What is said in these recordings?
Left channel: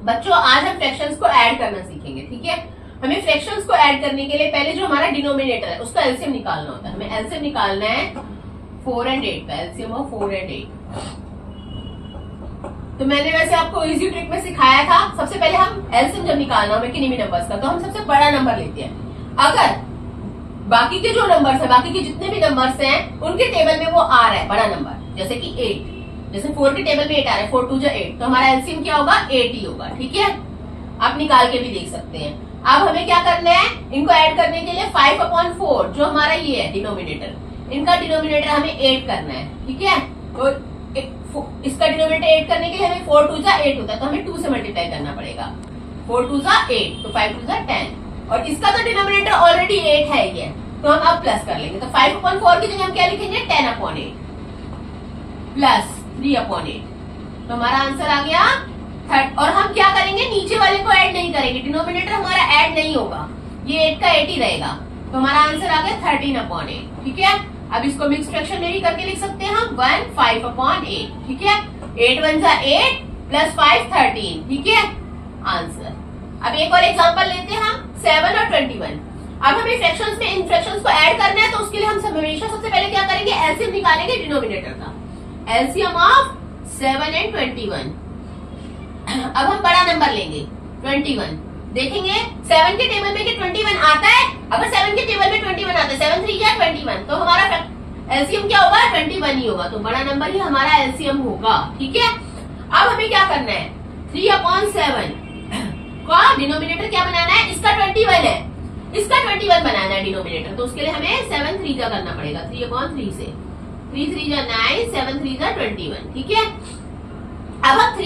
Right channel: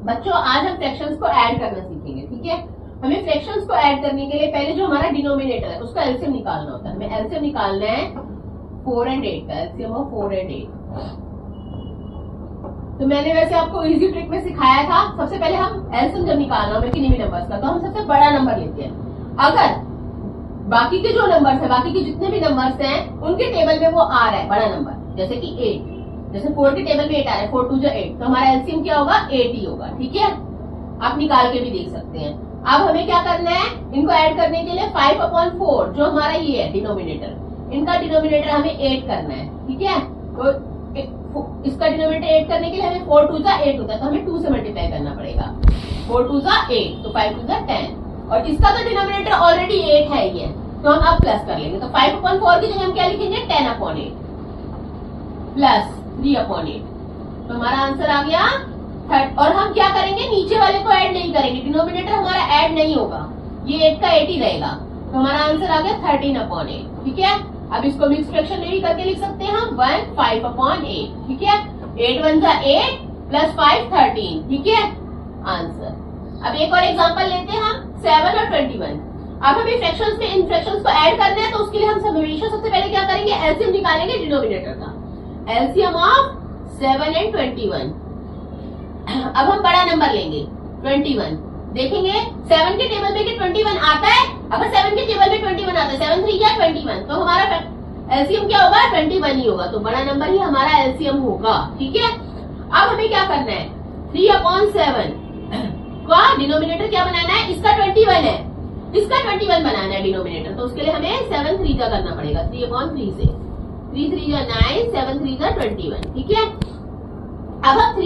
बच्चों आज हम फ्रैक्शंस को ऐड करना सीखेंगे, ठीक है। हमें फ्रैक्शंस को ऐड करने के लिए पहले जो हमारा डिनोमिनेटर है उसका एलसीएम निकालना होता है। हमें एलसीएम निकालना है 4 and 8 का, एलसीएम ऑफ 4 and 8। तो मैंने वैसे आपको इजी ट्रिक में सिखाया था। सबसे पहले हम एलसीएम जब निकालना हमें किन्हीं भी नंबर्स का, तो हम सबसे बड़ा नंबर लेते हैं। अगर बाकी के जो नंबर्स है, बाकी के जितने भी नंबर्स हैं उनके टेबल में वो आ रहा है बड़ा नंबर, जैसे कि 8, जैसे 4 के टेबल में 8 आ रहा है, 4 2 8, तो हमारा एलसीएम क्या होगा 8 ही होगा, ठीक है। आप निकाल के भी देख सकते हैं। अब हमें क्या करना है, इनको ऐड करने के लिए 5/4 जो हमारा ये है डिनोमिनेटर, इनका डिनोमिनेटर हमें 8 करना है, ठीक है। तो इसका डिनोमिनेटर 8 करने के लिए हमें 4 2 8 होता है, तो हमें 2 से मल्टीप्लाई करना पड़ेगा। 4 2 8, तो 5 2 10, और इसका तो डिनोमिनेटर ऑलरेडी 8 है ये, तो हम अब प्लस कर लेंगे। तो 5/4 की जगह हम क्या लिखेंगे 10/8 प्लस 3/8, तो हमारा आंसर आ गया 30। और हम क्या करेंगे, नीचे वाले को ऐड नहीं करेंगे, डिनोमिनेटर हमारा ऐड नहीं होगा, ये 8 का 8 ही रहेगा, तो हमारा आंसर आ गया 13/8, ठीक है। अब इसको मिक्स फ्रैक्शन में भी करके लिख सकते हैं हम 1 5/8, ठीक है। 8 1 8 प्लस 5 13, ठीक है आंसर। अब एक और एग्जांपल लेते हैं हम 7 और 21। अब हमें फ्रैक्शंस में इन फ्रैक्शंस को ऐड करना है, तो उसके लिए हम हमेशा सबसे पहले क्या करेंगे, एलसीएम निकालेंगे डिनोमिनेटर का, एलसीएम ऑफ 7 and 21। अब हम बड़ा नंबर लेंगे 21, देखेंगे 7 के टेबल में 21 आता है। अगर 7 के टेबल में 21 आता है, 7 3 या 21, तो हमारा एलसीएम क्या होगा 21 ही होगा, तो बड़ा नंबर ही हमारा एलसीएम होगा, ठीक है। अब हमें क्या करना है, 3/7 का डिनोमिनेटर क्या बनाना है, इसका 21 है, इसका 21 बनाना है डिनोमिनेटर, तो उसके लिए हमें 7 3 का करना पड़ेगा, 3/3 से 3 3 9 7 3 21, ठीक है। अब हम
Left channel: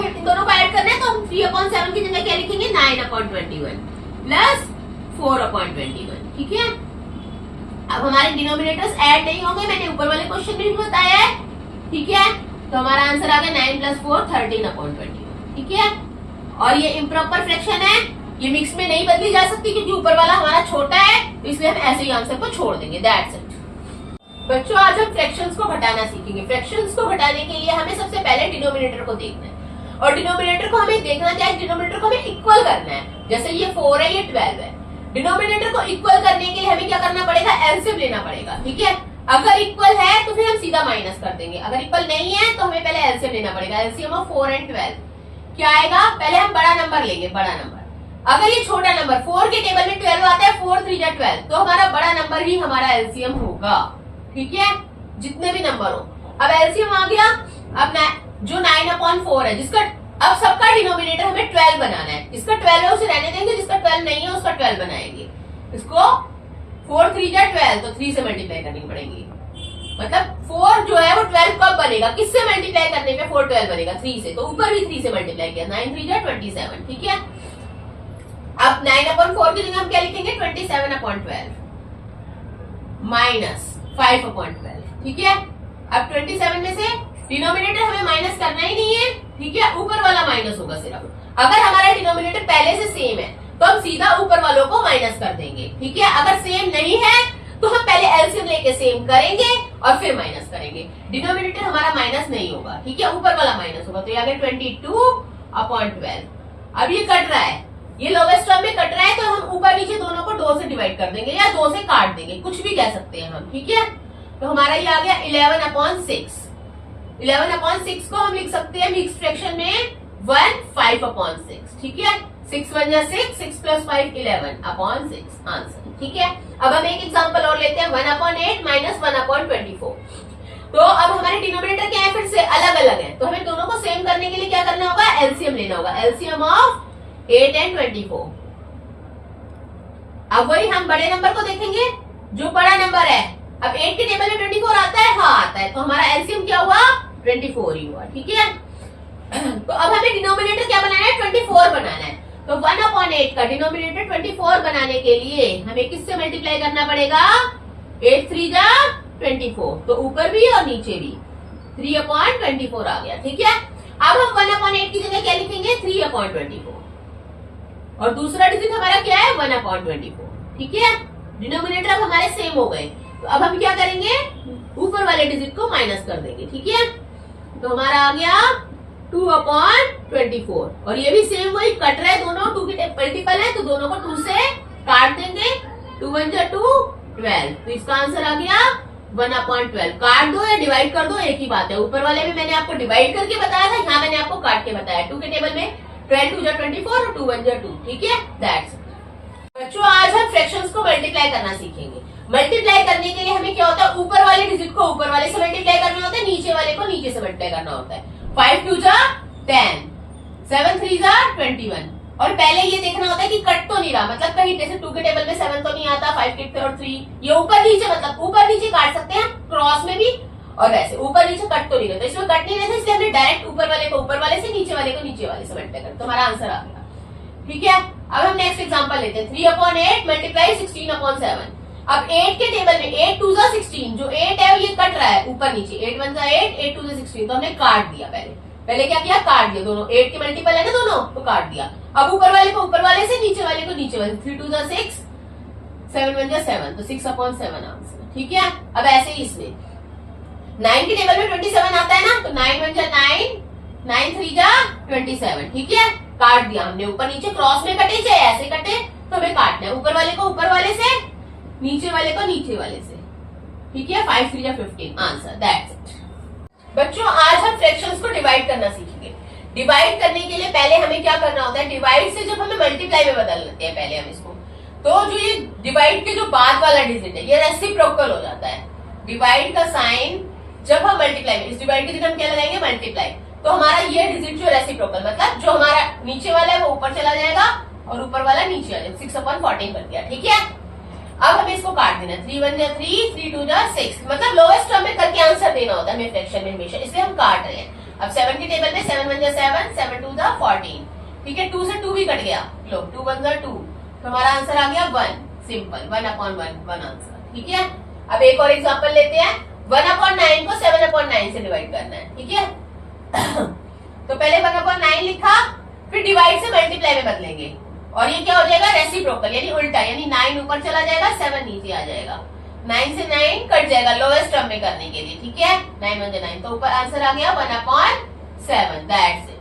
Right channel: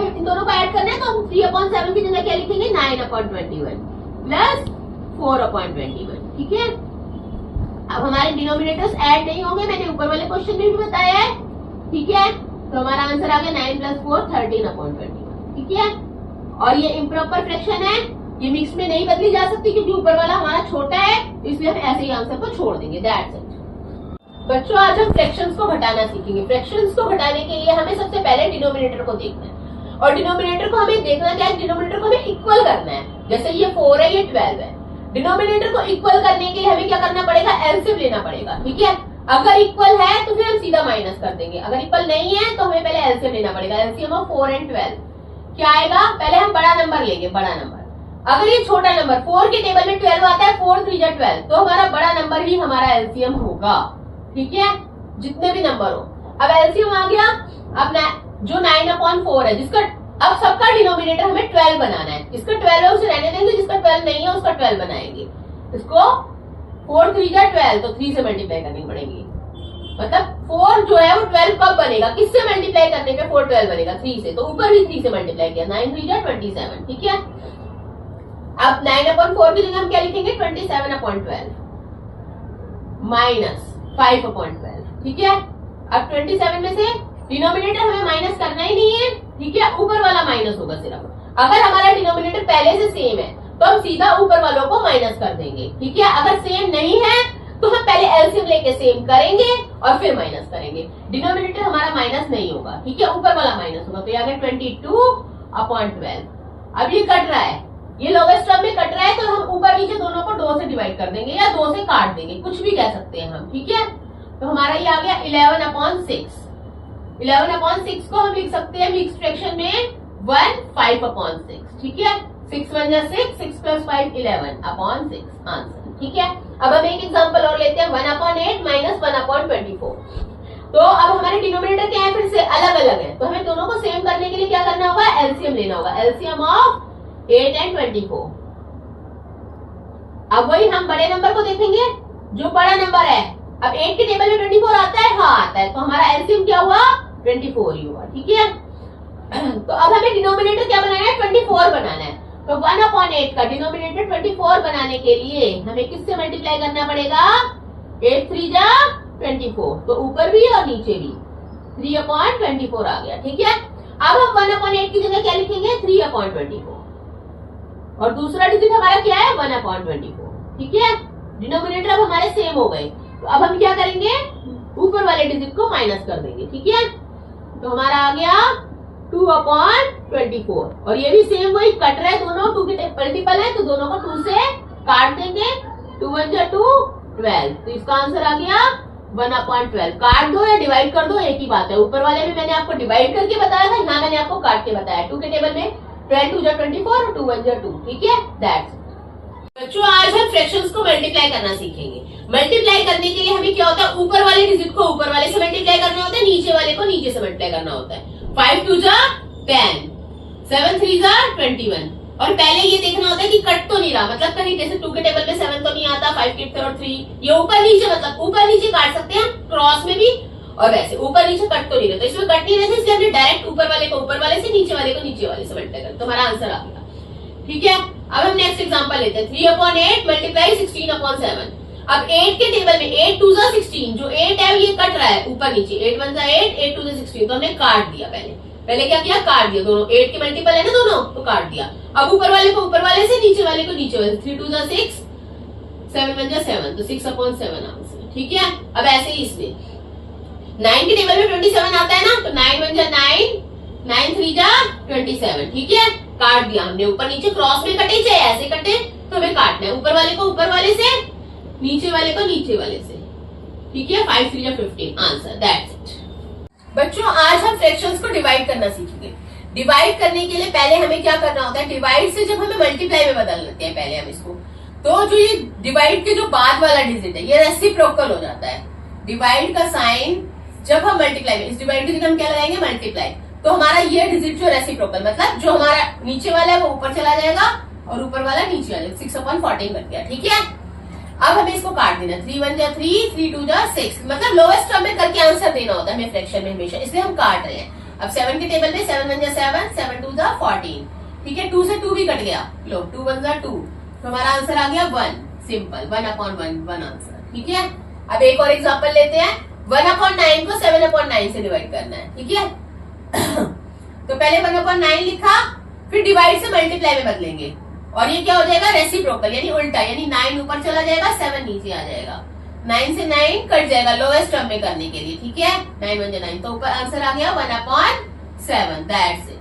इन दोनों को ऐड करना है, तो हम 3/7 की जगह क्या लिखेंगे 9/21 प्लस 4/21, ठीक है। अब हमारे डिनोमिनेटर्स ऐड नहीं होंगे, मैंने ऊपर वाले क्वेश्चन में भी बताया है, ठीक है। तो हमारा आंसर आ गया 9 + 4 13/21, ठीक है। और ये इम्प्रॉपर फ्रैक्शन है, ये मिक्स में नहीं बदली जा सकती क्योंकि ऊपर वाला हमारा छोटा है, इसलिए हम ऐसे ही आंसर को छोड़ देंगे, दैट्स इट। बच्चों आज हम फ्रैक्शंस को घटाना सीखेंगे। फ्रैक्शंस को घटाने के लिए हमें सबसे पहले डिनोमिनेटर को देखना है, और डिनोमिनेटर को हमें देखना क्या है, डिनोमिनेटर को हमें इक्वल करना है। जैसे ये 4 है, ये 12 है, डिनोमिनेटर को इक्वल करने के लिए हमें क्या करना पड़ेगा, एलसीएम लेना पड़ेगा, ठीक है। अगर इक्वल है तो फिर हम सीधा माइनस कर देंगे, अगर इक्वल नहीं है तो हमें पहले एलसीएम लेना पड़ेगा। एलसीएम ऑफ 4 and 12 क्या आएगा, पहले हम बड़ा नंबर लेंगे, बड़ा नंबर। अगर ये छोटा नंबर 4 के टेबल में 12 आता है, 4 3 12, तो हमारा बड़ा नंबर ही हमारा एलसीएम होगा, ठीक है, जितने भी नंबर हो। अब एलसीएम आ गया, अब जो 9/4 है, जिसका अब सबका डिनोमिनेटर हमें 12 बनाना है, इसका 12 है उसे रहने देंगे, जिसका 12 नहीं है उसका 12 बनाएंगे। इसको 4 3 12, तो 3 से मल्टीप्लाई करनी पड़ेगी, मतलब 4 जो है वो 12 कब बनेगा, किससे मल्टीप्लाई करने पे 4 12 बनेगा, 3 से, तो ऊपर भी 3 से मल्टीप्लाई किया, 9 3 27, ठीक है। अब 9/4 की जगह हम क्या लिखेंगे 27/12 माइनस 5/12, ठीक है। अब 27 में से डिनोमिनेटर हमें माइनस करना ही नहीं है, ठीक है, ऊपर वाला माइनस होगा सिर्फ। अगर हमारा डिनोमिनेटर पहले से सेम है तो हम सीधा ऊपर वालों को माइनस कर देंगे, ठीक है। अगर सेम नहीं है तो हम पहले एलसीएम लेके सेम करेंगे और फिर माइनस करेंगे। डिनोमिनेटर हमारा माइनस नहीं होगा, ठीक है, ऊपर वाला माइनस होगा, तो ये आ गया 22/12। अब ये कट रहा है, ये लोवेस्ट टर्म में कट रहा है, तो हम ऊपर नीचे दोनों को 2 से डिवाइड कर देंगे या 2 से काट देंगे, कुछ भी कह सकते हैं हम, ठीक है। तो हमारा ये आ गया 11/6। 11/6 को हम लिख सकते हैं मिक्स फ्रैक्शन में 1 5/6, ठीक है। 6 1 6, 6 + 5 11/6 आंसर, ठीक है। अब हम एक एग्जांपल और लेते हैं 1/8 - 1/24। तो अब हमारे डिनोमिनेटर क्या है, फिर से अलग अलग है, तो हमें दोनों को सेम करने के लिए क्या करना होगा, एलसीएम लेना होगा, एलसीएम ऑफ 8 and 24। अब वही हम बड़े नंबर को देखेंगे, जो बड़ा नंबर है, अब 8 के टेबल में 24 आता है, हाँ आता है, तो हमारा एलसीएम क्या हुआ 24 ही हुआ, ठीक है। तो अब हमें डिनोमिनेटर क्या बनाना है 24 बनाना है, तो 1/8 का डिनोमिनेटर 24 बनाने के लिए हमें किससे मल्टीप्लाई करना पड़ेगा, 8 3 24, तो ऊपर भी और नीचे भी 3/24 आ गया, ठीक है। अब हम 1/8 की जगह क्या लिखेंगे 3/24, और दूसरा डिजिट हमारा क्या है 1/24, ठीक है। डिनोमिनेटर अब हमारे सेम हो गए, तो अब हम क्या करेंगे ऊपर वाले डिजिट को माइनस कर देंगे, ठीक है। तो हमारा आ गया 2/24। और ये भी सेम वही कट रहा है, दोनों 2 के मल्टीपल है तो दोनों को 2 से काट देंगे। 2 1 जा 2 12, तो इसका आंसर आ गया 1/12। काट दो या डिवाइड कर दो एक ही बात है। ऊपर वाले में मैंने आपको डिवाइड करके बताया था, यहाँ मैंने आपको काट के बताया। 2 के टेबल में 12 2 जा 24 और 2 1 जा 2, ठीक है। दैट्स बच्चों, आज हम फ्रैक्शंस को मल्टीप्लाई करना सीखेंगे। मल्टीप्लाई करने के लिए हमें क्या होता है, ऊपर वाले डिजिट को ऊपर वाले से मल्टीप्लाई करना होता है, नीचे वाले को नीचे से मल्टीप्लाई करना होता है। 5 2 जा 10, 7 3 जा 21। और पहले ये देखना होता है कि कट तो नहीं रहा, मतलब कहीं जैसे 2 के टेबल में 7 तो नहीं आता, 5 के और 3 ये ऊपर नीचे, मतलब ऊपर नीचे काट सकते हैं क्रॉस में भी, और वैसे ऊपर नीचे कट तो नहीं रहता। इसमें कट नहीं रहता, इसलिए हमने डायरेक्ट ऊपर वाले को ऊपर वाले से, नीचे वाले को नीचे वाले से मल्टीप्लाई कर, तुम्हारा आंसर आ गया, ठीक है। अब हम नेक्स्ट एग्जांपल लेते हैं। 3/8 मल्टीप्लाई 16/7। अब 8 के टेबल में 8 2 जा 16, जो 8 है ये कट रहा है ऊपर नीचे, 8 1 जा 8, 8 2 जा 16, तो हमने काट दिया। पहले क्या किया, काट दिया। दोनों 8 के मल्टीपल है ना दोनों, तो काट दिया। अब ऊपर वाले को ऊपर वाले से, नीचे वाले को नीचे वाले से। 3 2 जा 6, 7 1 जा 7, तो 6/7 आंसर, ठीक है। अब ऐसे ही इसमें 9 के टेबल में 27 आता है ना, तो 9 1 जा 9, 9 3 जा 27, ठीक है। काट दिया हमने, ऊपर नीचे क्रॉस में कटे चाहे ऐसे कटे, तो हमें काटना है ऊपर वाले को ऊपर वाले से, नीचे वाले को नीचे वाले से, ठीक है। 5 3 जा 15 आंसर, दैट्स इट। बच्चों, आज हम फ्रैक्शंस को डिवाइड करना सीखेंगे। डिवाइड करने के लिए पहले हमें क्या करना होता है, डिवाइड से जब हमें मल्टीप्लाई में बदल लेते हैं पहले हम इसको, तो जो ये डिवाइड के जो बाद वाला डिजिट है ये रेसिप्रोकल हो जाता है। डिवाइड का साइन जब हम मल्टीप्लाई में, इस डिवाइड की जगह हम क्या लगाएंगे, मल्टीप्लाई, तो हमारा ये डिजिट जो रेसिप्रोकल, मतलब जो हमारा नीचे वाला है वो ऊपर चला जाएगा और ऊपर वाला नीचे आ जाएगा। 6/14 बन गया, ठीक है। अब हमें इसको काट देना। 3 1 जा 3, 3 2 जा 6, मतलब लोएस्ट टर्म में करके आंसर देना होता है हमें फ्रैक्शन में हमेशा, इसलिए हम काट रहे हैं। अब 7 के टेबल में 7 1 जा 7, 7 2 जा 14, ठीक है। 2 से 2 भी कट गया, लो 2 1 जा 2, तो हमारा आंसर आ गया 1, सिंपल 1/1 आंसर, ठीक है। अब एक और एग्जाम्पल लेते हैं। 1/9 को 7/9 से डिवाइड करना है, ठीक है। तो पहले 1/9 लिखा, फिर डिवाइड से मल्टीप्लाई में बदलेंगे, और ये क्या हो जाएगा, रेसिप्रोकल, यानी उल्टा, यानी 9 ऊपर चला जाएगा, 7 नीचे आ जाएगा। 9 से 9 कट जाएगा लोएस्ट टर्म में करने के लिए, ठीक है। 9 1 जा 9, तो ऊपर आंसर आ गया 1/7, दैट्स इट।